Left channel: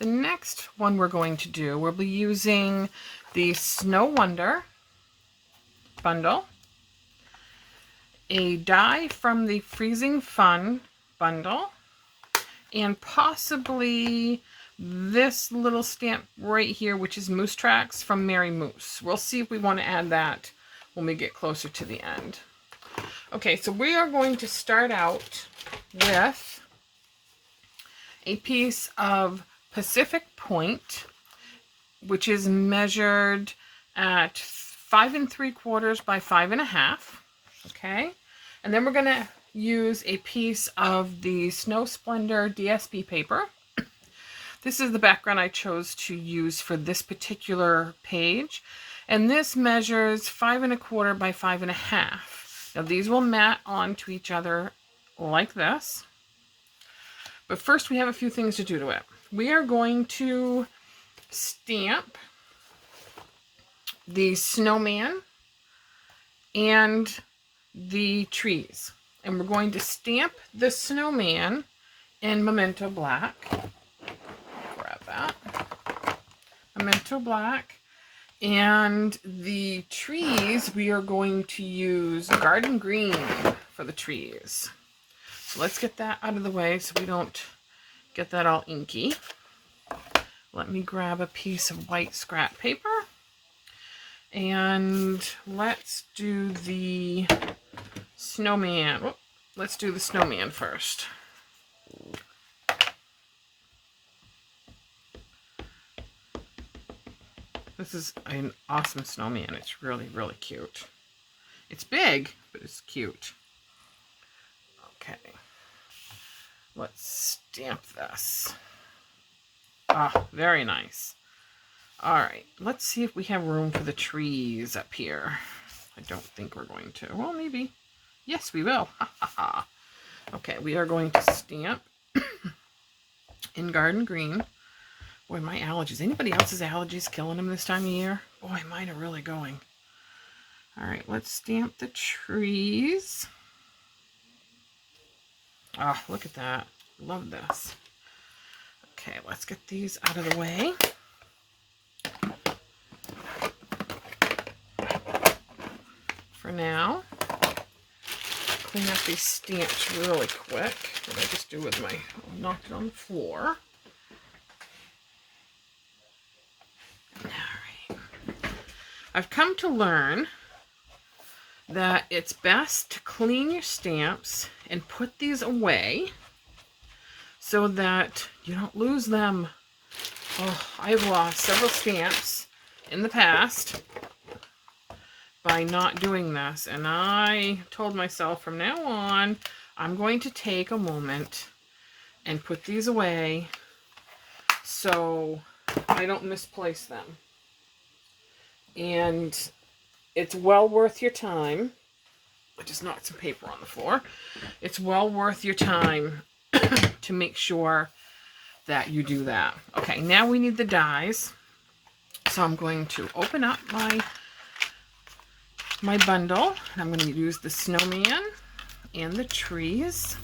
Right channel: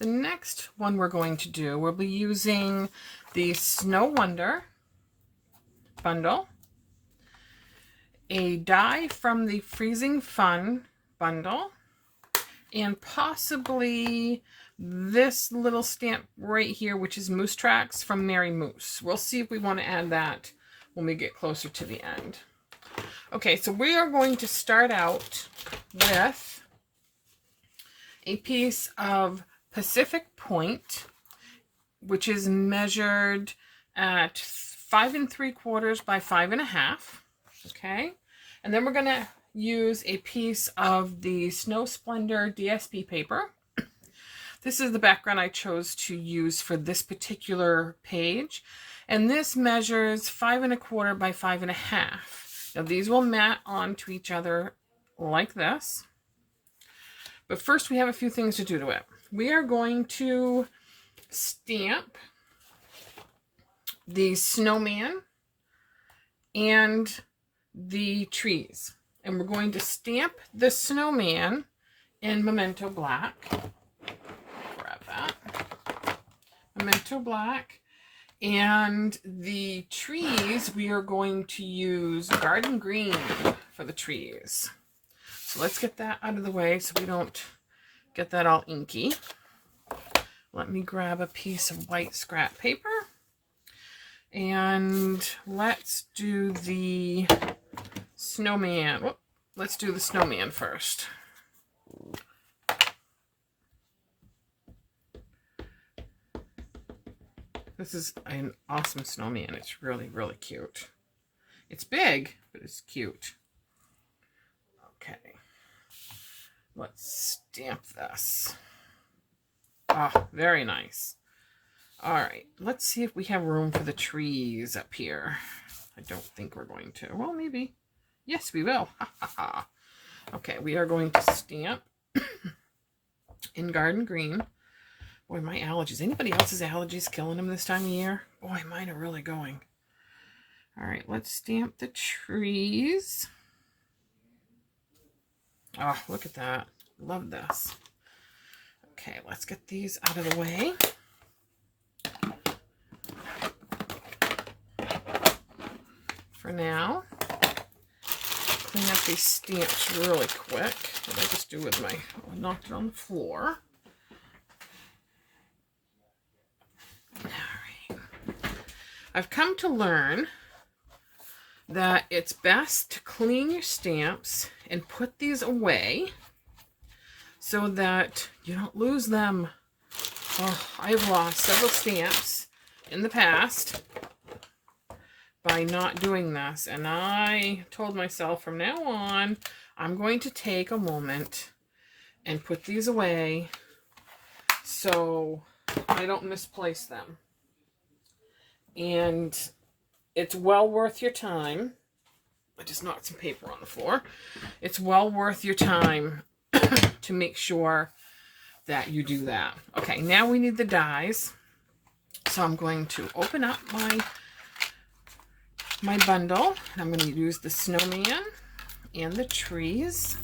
The next one we're going to do, we'll be using the Snow Wonder bundle, a die from the Freezing Fun bundle, and possibly this little stamp right here, which is Moose Tracks from Mary Moose. We'll see if we want to add that when we get closer to the end. Okay, so we are going to start out with a piece of Pacific Point, which is measured at 5 3/4 by 5 1/2. Okay, and then we're going to use a piece of the Snow Splendor DSP paper. This is the background I chose to use for this particular page, and this measures 5 1/4 by 5 1/2. Now these will mat onto each other like this, but first we have a few things to do to it. We are going to stamp the snowman and the trees, and we're going to stamp the snowman in Memento Black. Grab that. Memento Black. And the trees, we are going to use Garden Green for the trees. So let's get that out of the way so we don't get that all inky. Let me grab a piece of white scrap paper. And let's do the snowman. Whoop, let's do the snowman first. This is an awesome snowman. It's really, really cute. It's big, but it's cute. Okay. Let's stamp this. Ah, very nice. All right, let's see if we have room for the trees up here. I don't think we're going to. Well, maybe. Yes, we will. Okay, we are going to stamp in Garden Green. Boy, my allergies. Anybody else's allergies killing them this time of year? Boy, mine are really going. All right, let's stamp the trees. Oh, look at that. Love this. Okay, let's get these out of the way. For now, clean up these stamps really quick. What did I just do with my, knocked it on the floor. All right. I've come to learn that it's best to clean your stamps and put these away so that you don't lose them. Oh, I've lost several stamps in the past by not doing this, and I told myself from now on I'm going to take a moment and put these away so I don't misplace them. And it's well worth your time. I just knocked some paper on the floor. It's well worth your time to make sure that you do that. Okay, now we need the dies. So I'm going to open up my bundle. I'm going to use the snowman and the trees.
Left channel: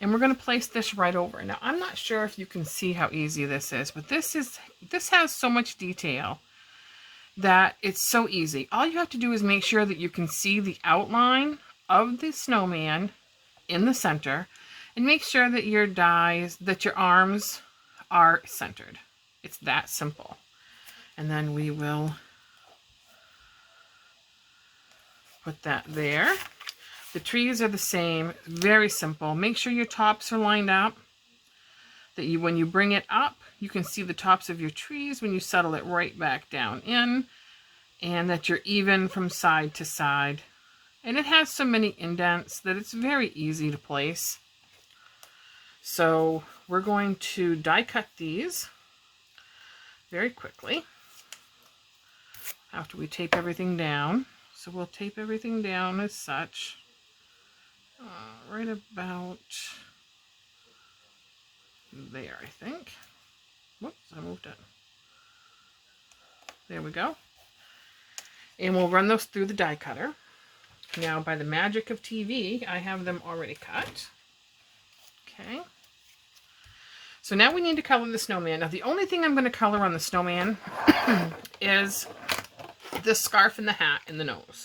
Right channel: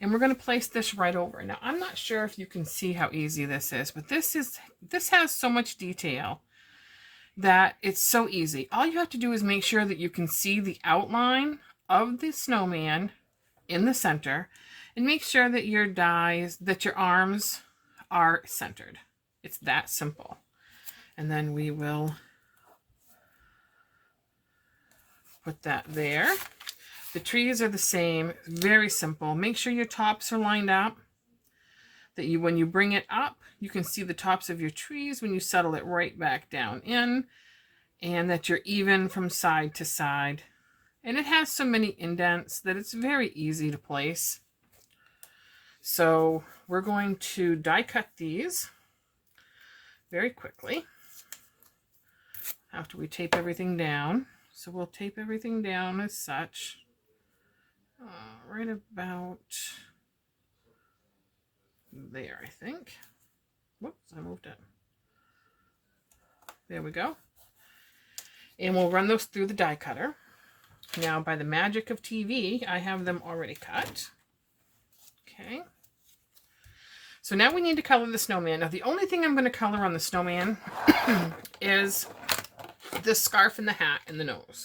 And we're going to place this right over. Now, I'm not sure if you can see how easy this is, but this has so much detail that it's so easy. All you have to do is make sure that you can see the outline of the snowman in the center, and make sure that your dies, that your arms are centered. It's that simple. And then we will put that there. The trees are the same, very simple. Make sure your tops are lined up, that you, when you bring it up, you can see the tops of your trees when you settle it right back down in, and that you're even from side to side. And it has so many indents that it's very easy to place. So we're going to die cut these very quickly after we tape everything down. So we'll tape everything down as such, right about there, I think. Whoops, I moved it. There we go. And we'll run those through the die cutter. Now, by the magic of TV, I have them already cut. Okay. So now we need to color the snowman. Now, the only thing I'm going to color on the snowman is the scarf and the hat and the nose.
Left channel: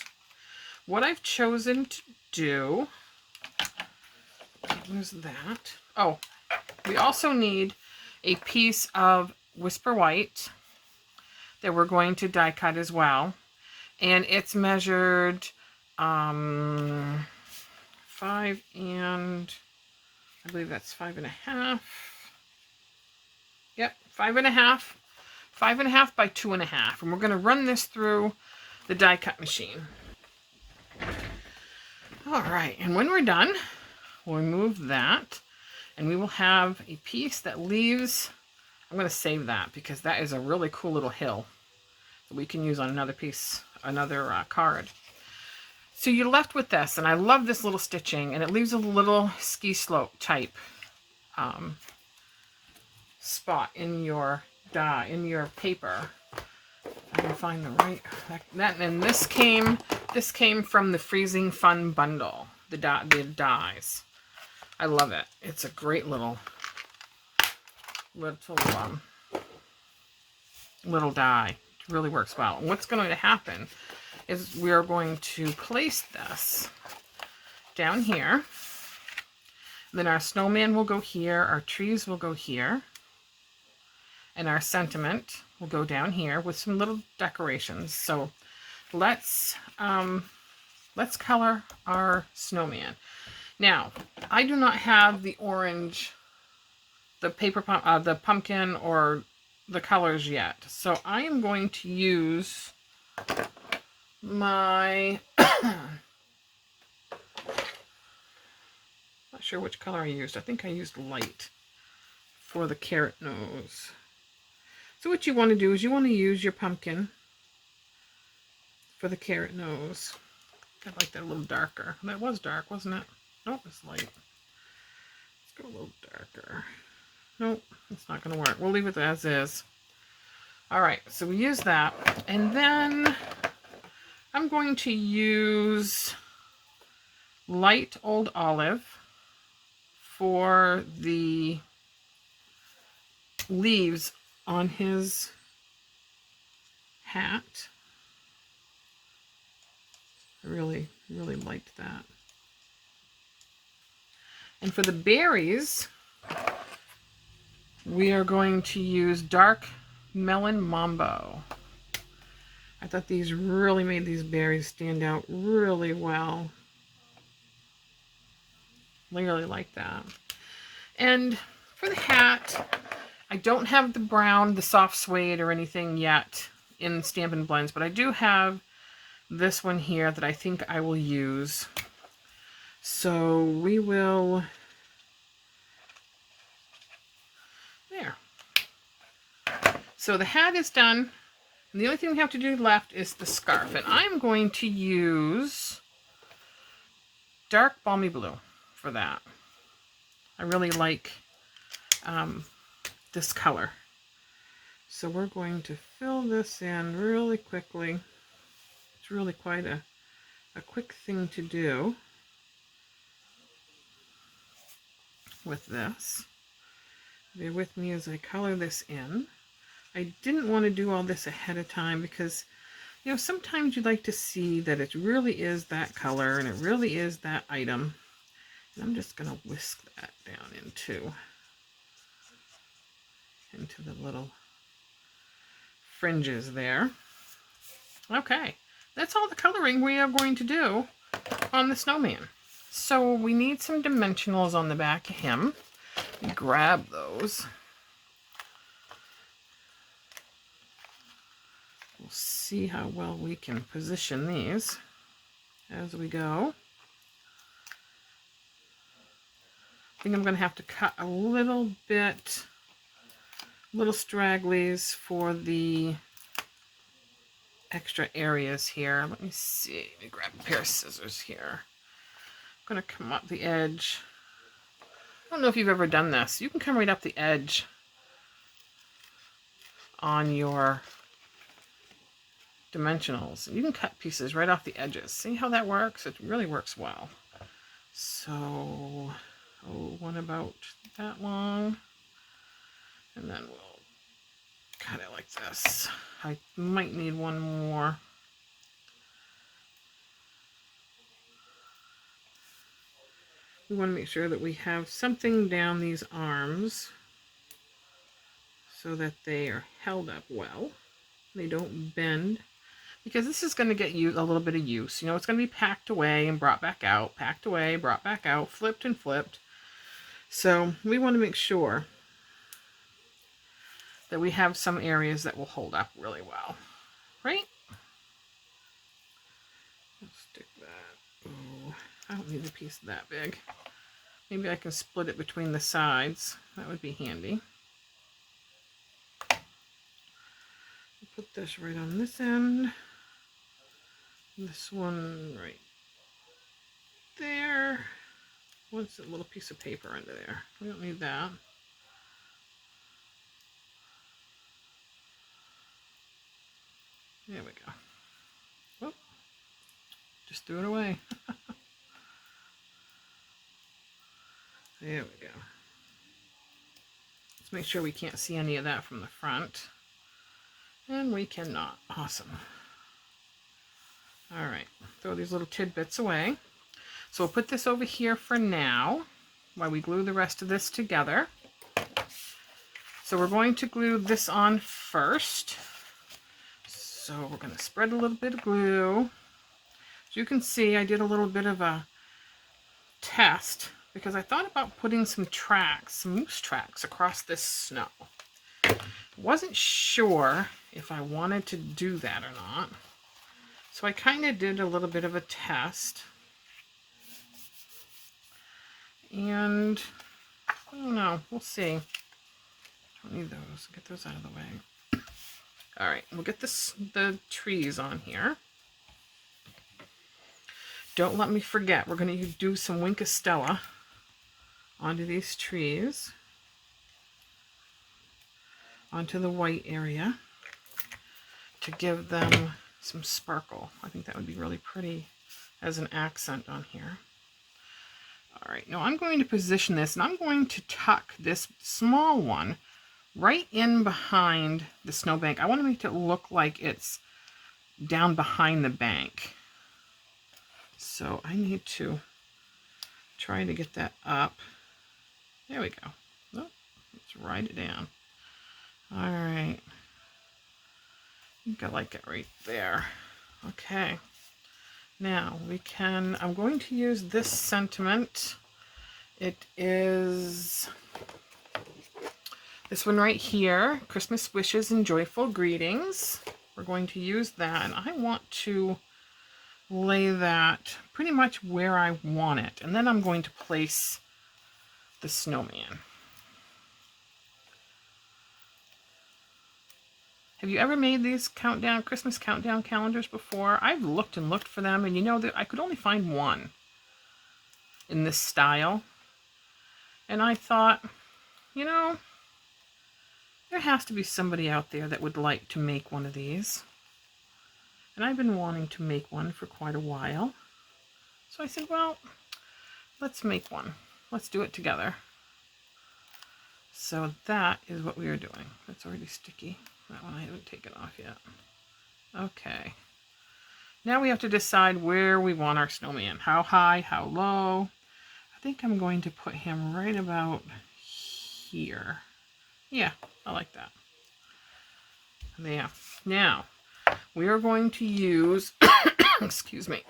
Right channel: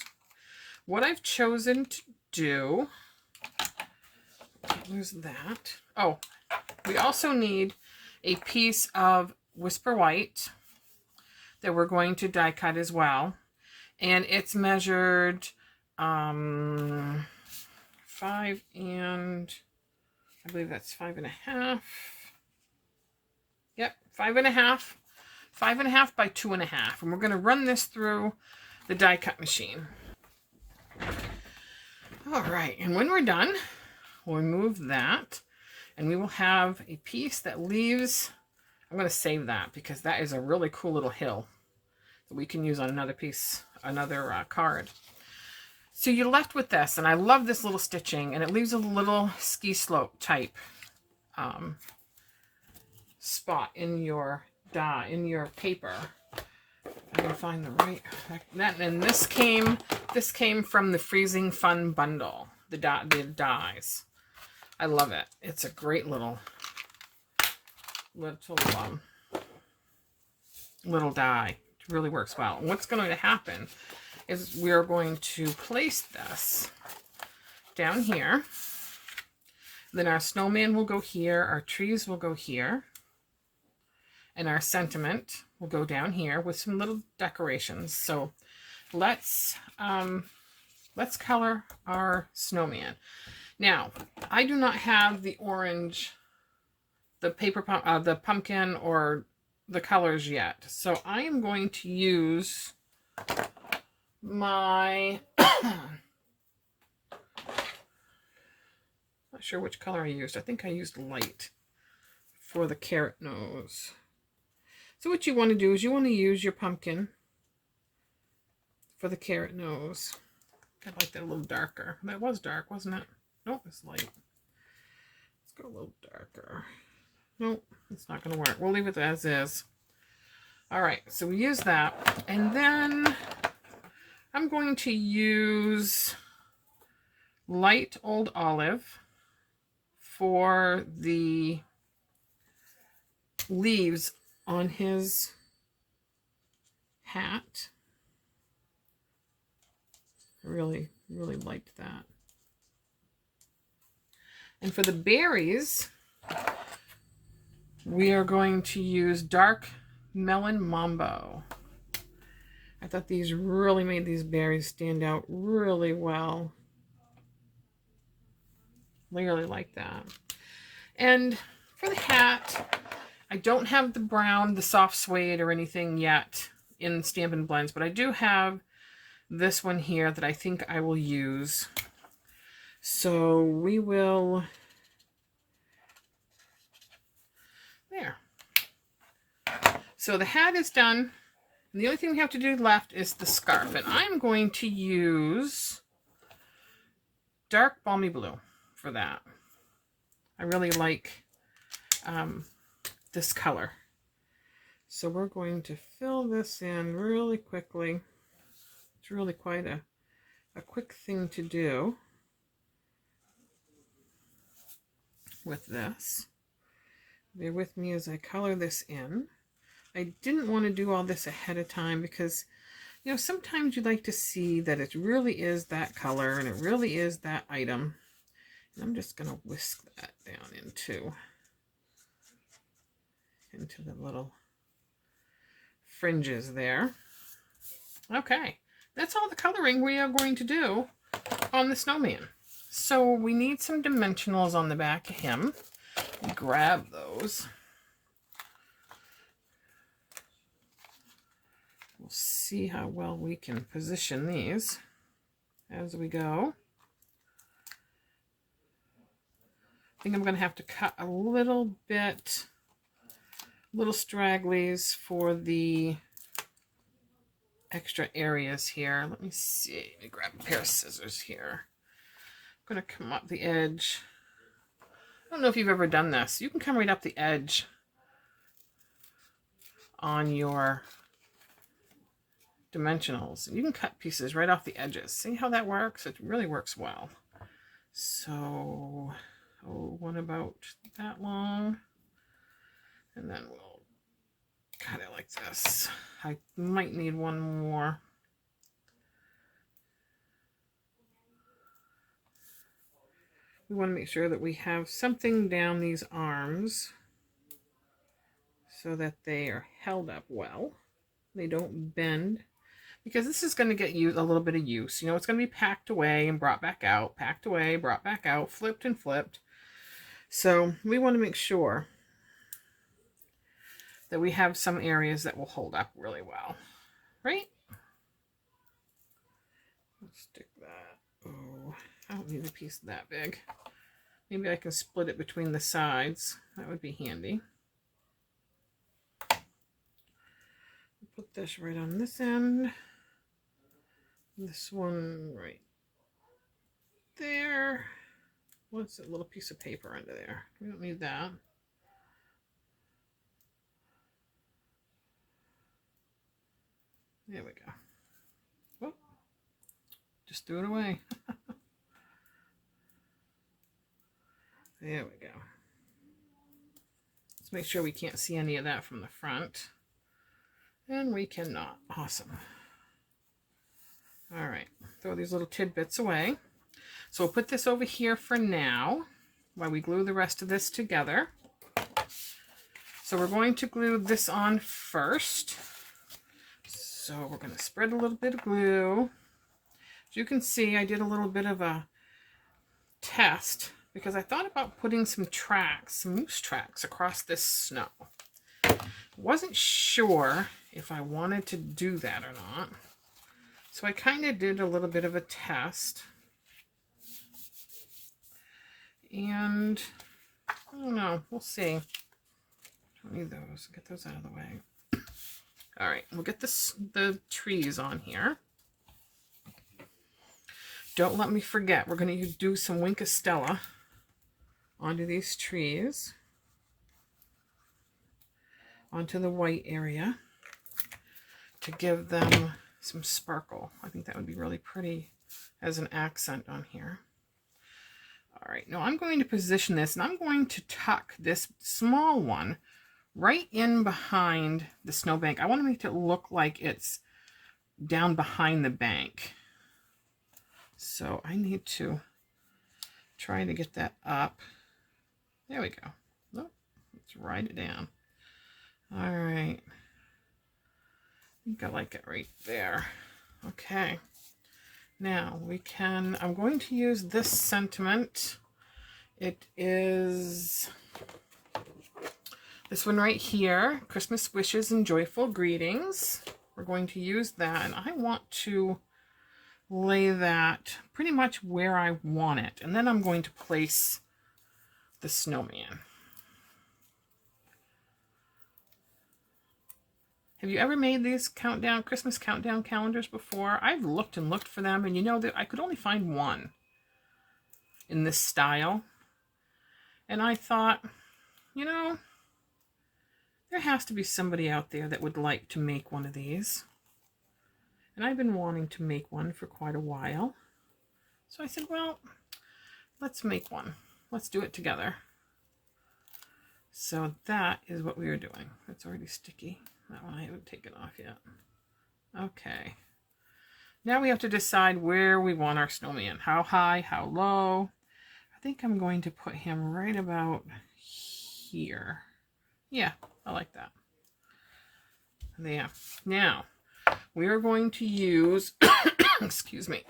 What I've chosen to do, use that. Oh, we also need a piece of Whisper White that we're going to die cut as well. And it's measured 5 and I believe that's 5.5. Yep, 5.5. 5.5 by 2.5. And we're going to run this through the die cut machine. All right, and when we're done, we'll remove that and we will have a piece that leaves. I'm going to save that because that is a really cool little hill that we can use on another piece, another card. So you're left with this, and I love this little stitching, and it leaves a little ski slope type spot in your die, in your paper. I can find the right that, and this came from the Freezing Fun bundle, the dies. I love it. It's a great little die. It really works well. And what's going to happen is we are going to place this down here. Then our snowman will go here, our trees will go here, and our sentiment will go down here with some little decorations. So let's color our snowman. Now, I do not have the orange, the pumpkin or the colors yet. So I am going to use my not sure which color I used. I think I used light for the carrot nose. So what you want to do is you want to use your pumpkin for the carrot nose. I like that a little darker. That was dark, wasn't it? Nope, it's light. Let's go a little darker. Nope, it's not going to work. We'll leave it as is. All right, so we use that. And then I'm going to use light old olive for the leaves on his hat. I really liked that. And for the berries, we are going to use dark melon mambo. I thought these really made these berries stand out really well. I really like that. And for the hat, I don't have the brown, the soft suede or anything yet in Stampin' Blends, but I do have this one here that I think I will use. So we will, there. So the hat is done. And the only thing we have to do left is the scarf. And I'm going to use dark balmy blue for that. I really like this color. So we're going to fill this in really quickly. It's really quite a quick thing to do with this. Bear with me as I color this in. I didn't want to do all this ahead of time because, you know, sometimes you like to see that it really is that color and it really is that item. And I'm just going to whisk that down into the little fringes there. Okay, that's all the coloring we are going to do on the snowman. So we need some dimensionals on the back of him. Grab those. We'll see how well we can position these as we go. I think I'm going to have to cut a little bit, little stragglies for the extra areas here. Let me see. Let me grab a pair of scissors here. I'm going to come up the edge. I don't know if you've ever done this. You can come right up the edge on your dimensionals. You can cut pieces right off the edges. See how that works? It really works well. So, one about that long. And then we'll cut it like this. I might need one more. We want to make sure that we have something down these arms so that they are held up well. They don't bend, because this is going to get a little bit of use. You know, it's going to be packed away and brought back out, packed away, brought back out, flipped and flipped. So we want to make sure that we have some areas that will hold up really well, right? Let's stick that. Oh, I don't need a piece that big. Maybe I can split it between the sides. That would be handy. Put this right on this end. This one right there. What's a little piece of paper under there? We don't need that. There we go. Oh, just threw it away. There we go. Let's make sure we can't see any of that from the front. And we cannot. Awesome. All right, throw these little tidbits away. So we'll put this over here for now while we glue the rest of this together. So we're going to glue this on first. So we're going to spread a little bit of glue. As you can see, I did a little bit of a test because I thought about putting some tracks, some moose tracks across this snow. Wasn't sure if I wanted to do that or not. So I kind of did a little bit of a test. And I don't know, we'll see. Don't need those. Get those out of the way. All right, we'll get the trees on here. Don't let me forget, we're going to do some Wink of Stella onto these trees, onto the white area, to give them some sparkle. I think that would be really pretty as an accent on here. All right, now I'm going to position this, and I'm going to tuck this small one right in behind the snowbank. I want to make it look like it's down behind the bank. So I need to try to get that up. There we go. Oh, let's write it down. All right. I think I like it right there. Okay. Now we can, I'm going to use this sentiment. It is this one right here, Christmas Wishes and Joyful Greetings. We're going to use that, and I want to lay that pretty much where I want it. And then I'm going to place the snowman. Have you ever made these Christmas countdown calendars before? I've looked and looked for them, and you know that I could only find one in this style. And I thought, you know, there has to be somebody out there that would like to make one of these. And I've been wanting to make one for quite a while. So I said, well, let's make one. Let's do it together. So that is what we are doing. It's already sticky. That one I haven't taken off yet. Okay. Now we have to decide where we want our snowman. How high, how low. I think I'm going to put him right about here. Yeah, I like that. Yeah. Now, we are going to use, excuse me,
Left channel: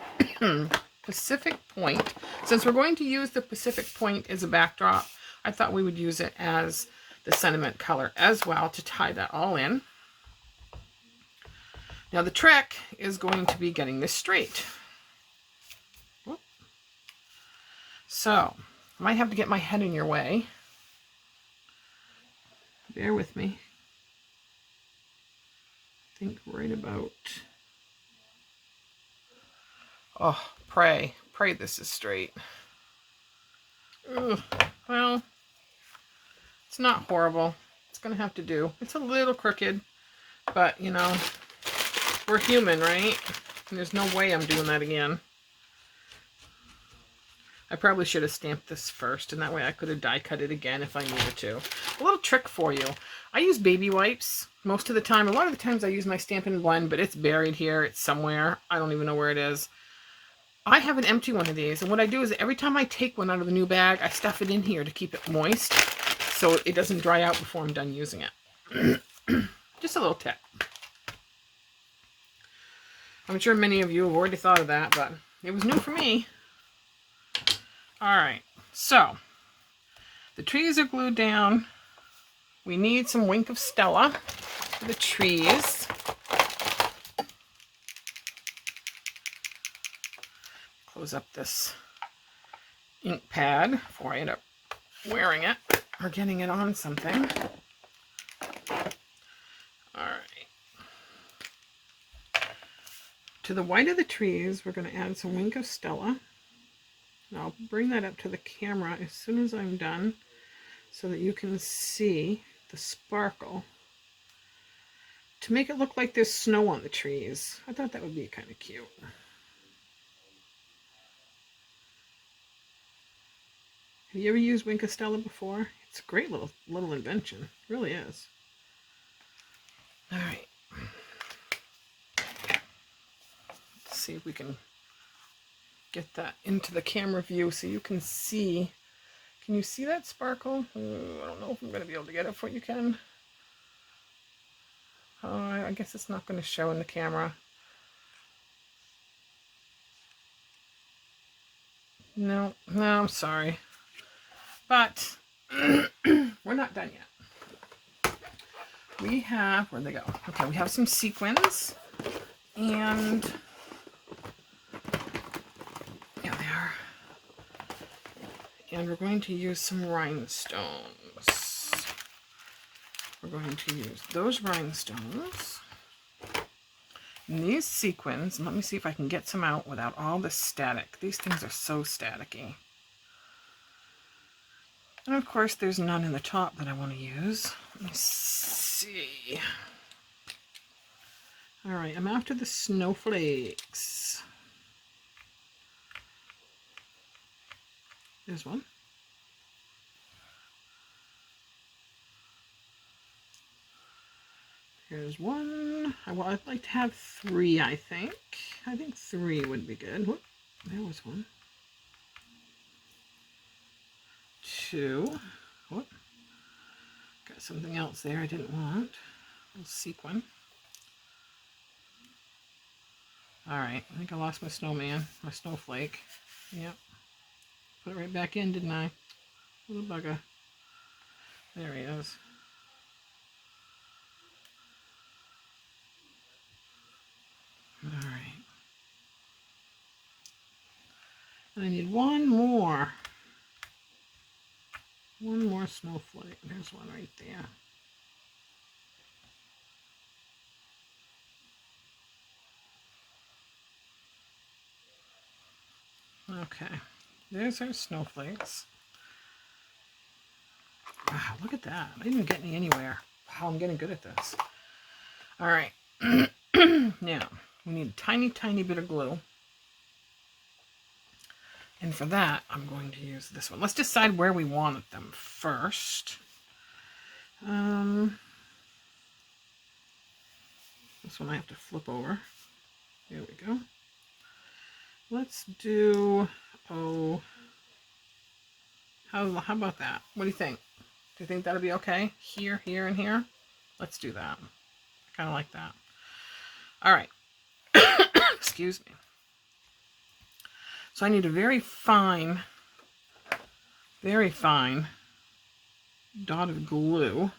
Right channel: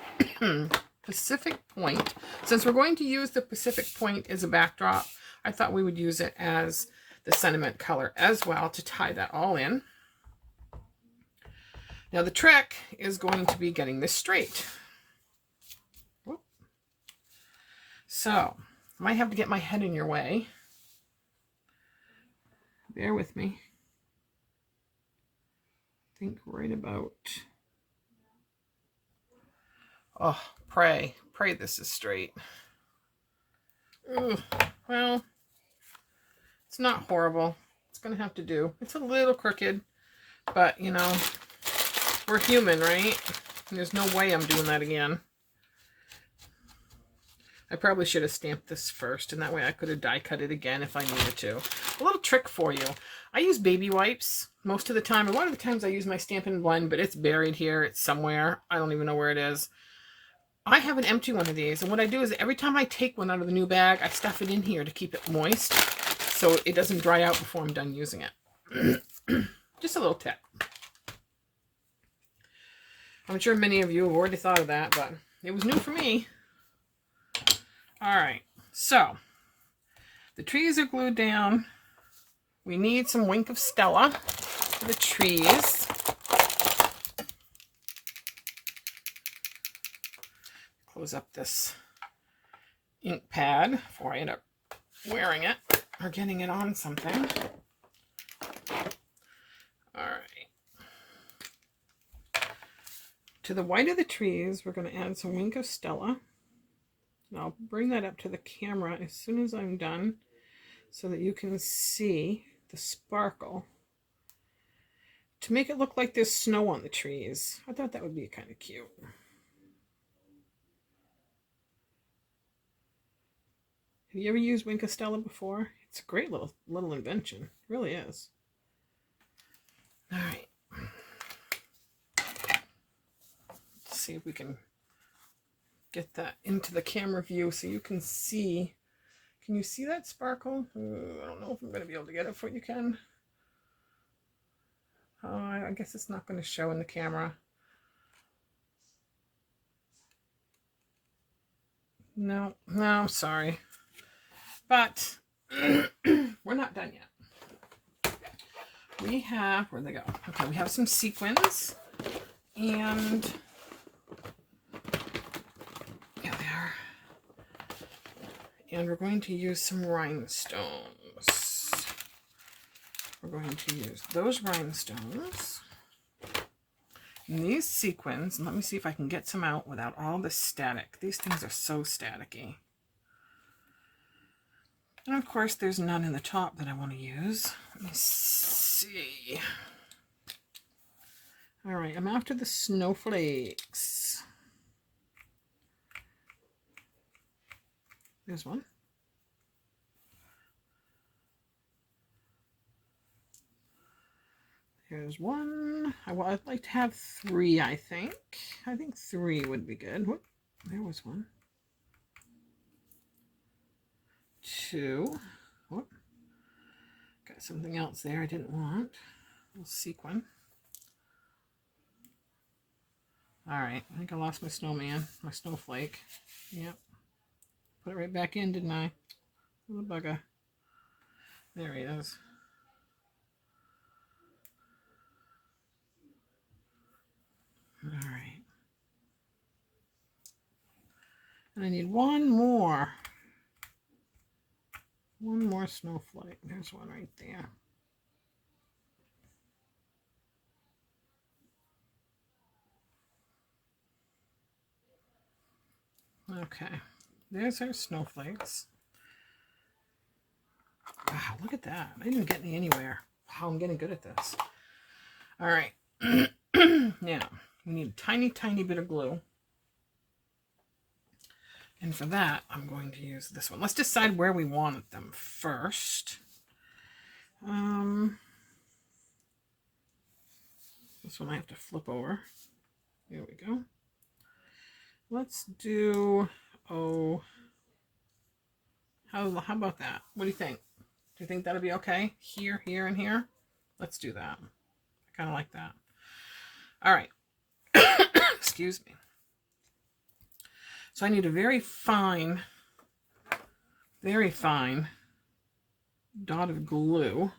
Pacific Point. Since we're going to use the Pacific Point as a backdrop, I thought we would use it as the sentiment color as well to tie that all in. Now the trick is going to be getting this straight. Whoop. So, I might have to get my head in your way. Bear with me. I think right about... Oh, pray this is straight. Ugh. Well, it's not horrible. It's going to have to do. It's a little crooked, but, you know, We're human, right? And there's no way I'm doing that again. I probably should have stamped this first, and that way I could have die cut it again if I needed to. A little trick for you. I use baby wipes most of the time. A lot of the times I use my Stampin' Blend, but it's buried here. It's somewhere. I don't even know where it is. I have an empty one of these, and what I do is every time I take one out of the new bag, I stuff it in here to keep it moist so it doesn't dry out before I'm done using it. Just a little tip. I'm sure many of you have already thought of that, but it was new for me. All right, so the trees are glued down. We need some Wink of Stella for the trees. Close up this ink pad before I end up wearing it or getting it on something. All right. To the white of the trees, we're going to add some Wink of Stella. I'll bring that up to the camera as soon as I'm done so that you can see the sparkle to make it look like there's snow on the trees. I thought that would be kind of cute. Have you ever used Wink of Stella before? It's a great little invention. It really is. All right. Let's see if we can get that into the camera view so you can see. Can you see that sparkle? I don't know if I'm going to be able to get it for you, Ken. I guess it's not going to show in the camera. No, I'm sorry. But we're not done yet. We have, where'd they go? Okay, we have some sequins. And and we're going to use some rhinestones. We're going to use those rhinestones. And these sequins, and let me see if I can get some out without all the static. These things are so staticky. And of course, there's none in the top that I want to use. Let me see. All right, I'm after the snowflakes. There's one. Here's one. Well, I'd like to have 3, I think. I think 3 would be good. Whoop, there was one. 2. Whoop. Got something else there I didn't want. A little sequin. All right, I think I lost my snowman, my snowflake. Yep. Put it right back in, didn't I? Little bugger. There he is. All right. And I need one more. One more snowflake. There's one right there. Okay. There's our snowflakes. Wow, look at that. I didn't get me anywhere. Wow, I'm getting good at this. All right. Now, we need a tiny, tiny bit of glue. And for that, I'm going to use this one. Let's decide where we want them first. This one I have to flip over. There we go. Let's do, how about that? What do you think? Do you think that'll be okay? Here, here, and here? Let's do that. I kind of like that. All right. Excuse me. So I need a very fine dot of glue.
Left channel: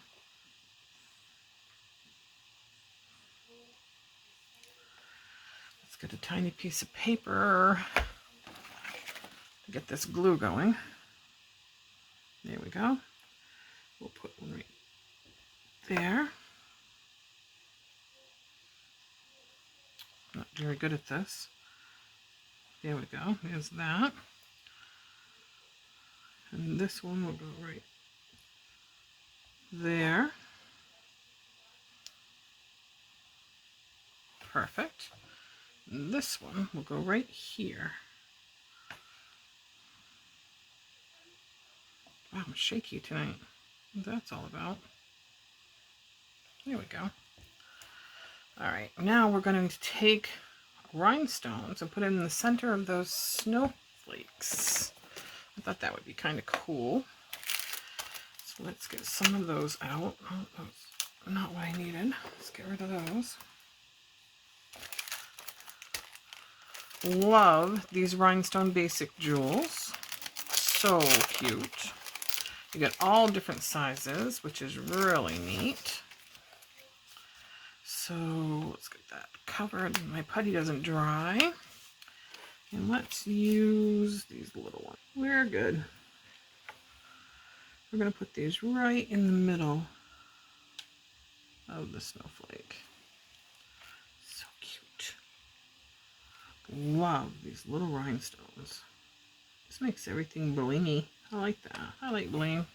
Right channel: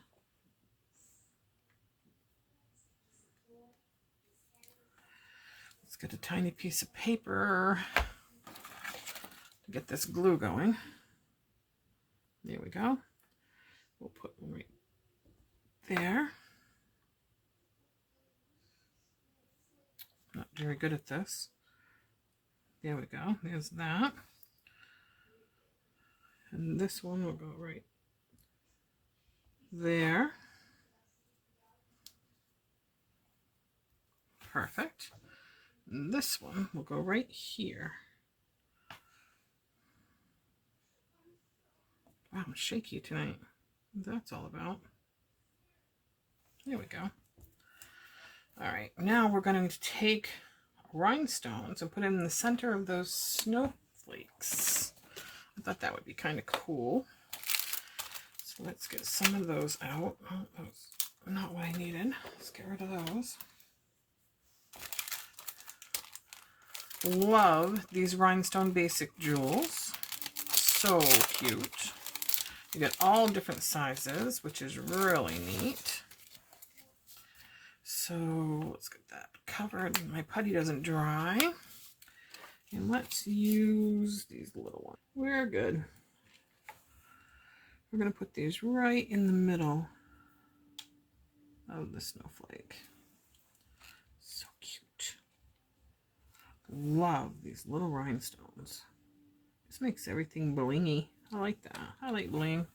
Let's get a tiny piece of paper to get this glue going. There we go. We'll put one right there. Not very good at this. There we go. There's that. And this one will go right there. Perfect. And this one will go right here. Wow, I'm shaky tonight. What that's all about. There we go. All right, now we're going to take rhinestones and put it in the center of those snowflakes. I thought that would be kind of cool. So let's get some of those out. Oh, that's not what I needed. Let's get rid of those. Love these rhinestone basic jewels. So cute. You get all different sizes, which is really neat. So let's get that covered. My putty doesn't dry. And let's use these little ones. We're good. We're going to put these right in the middle of the snowflake. So cute. Love these little rhinestones. This makes everything blingy. I like that. I like bling.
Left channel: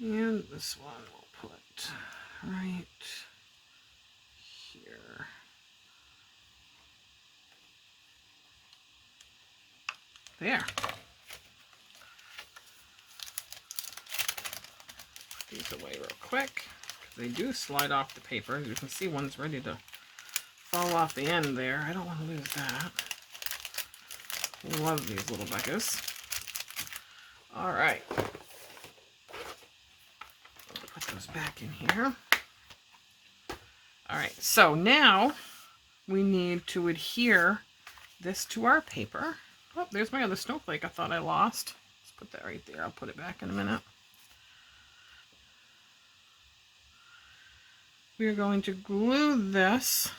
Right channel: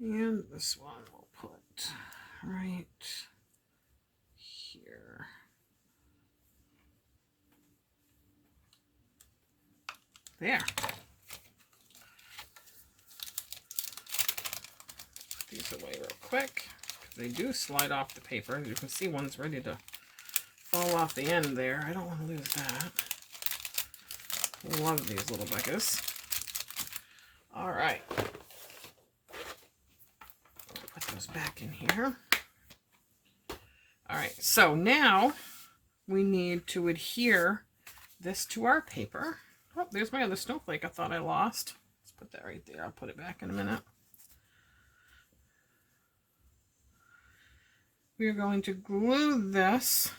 And this one we'll put right here. There. Put these away real quick. They do slide off the paper. As you can see, one's ready to fall off the end there. I don't want to lose that. Love these little buckets. All right. Put those back in here. All right, so now we need to adhere this to our paper. Oh, there's my other snowflake I thought I lost. Let's put that right there. I'll put it back in a minute. We are going to glue this.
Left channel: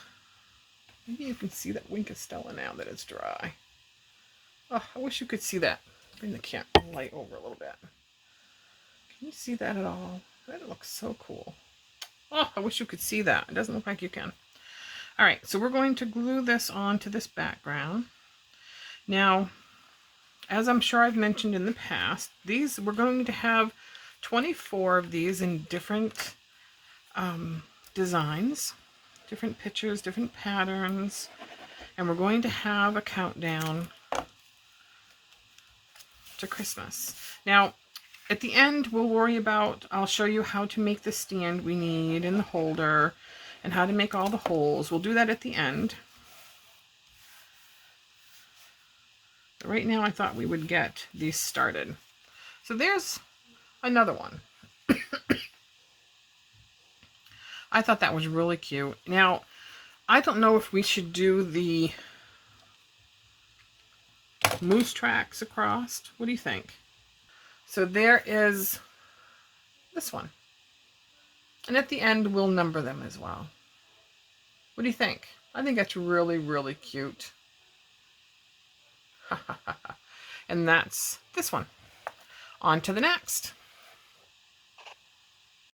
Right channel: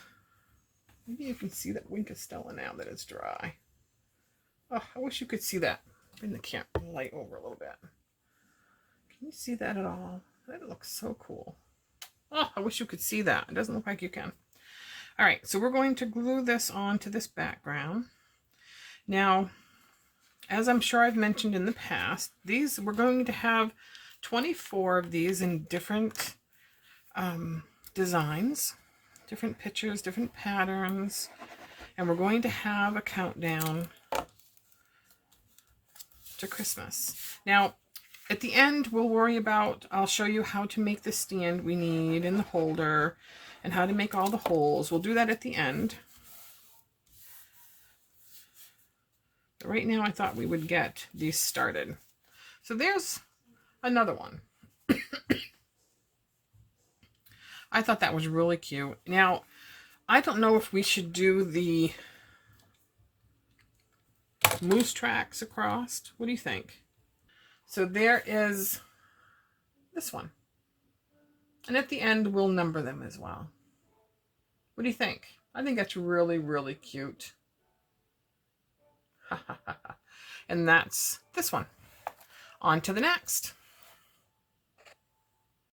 Maybe you can see that Wink of Stella now that it's dry. Oh, I wish you could see that. Bring the light over a little bit. Can you see that at all? That looks so cool. Oh, I wish you could see that. It doesn't look like you can. All right, so we're going to glue this onto this background. Now, as I'm sure I've mentioned in the past, we're going to have 24 of these in different designs, different pictures, different patterns, and we're going to have a countdown to Christmas. Now, at the end, I'll show you how to make the stand we need and the holder and how to make all the holes. We'll do that at the end. But right now, I thought we would get these started. So there's another one. I thought that was really cute. Now, I don't know if we should do the moose tracks across. What do you think? So there is this one. And at the end, we'll number them as well. What do you think? I think that's really, really cute. And that's this one. On to the next.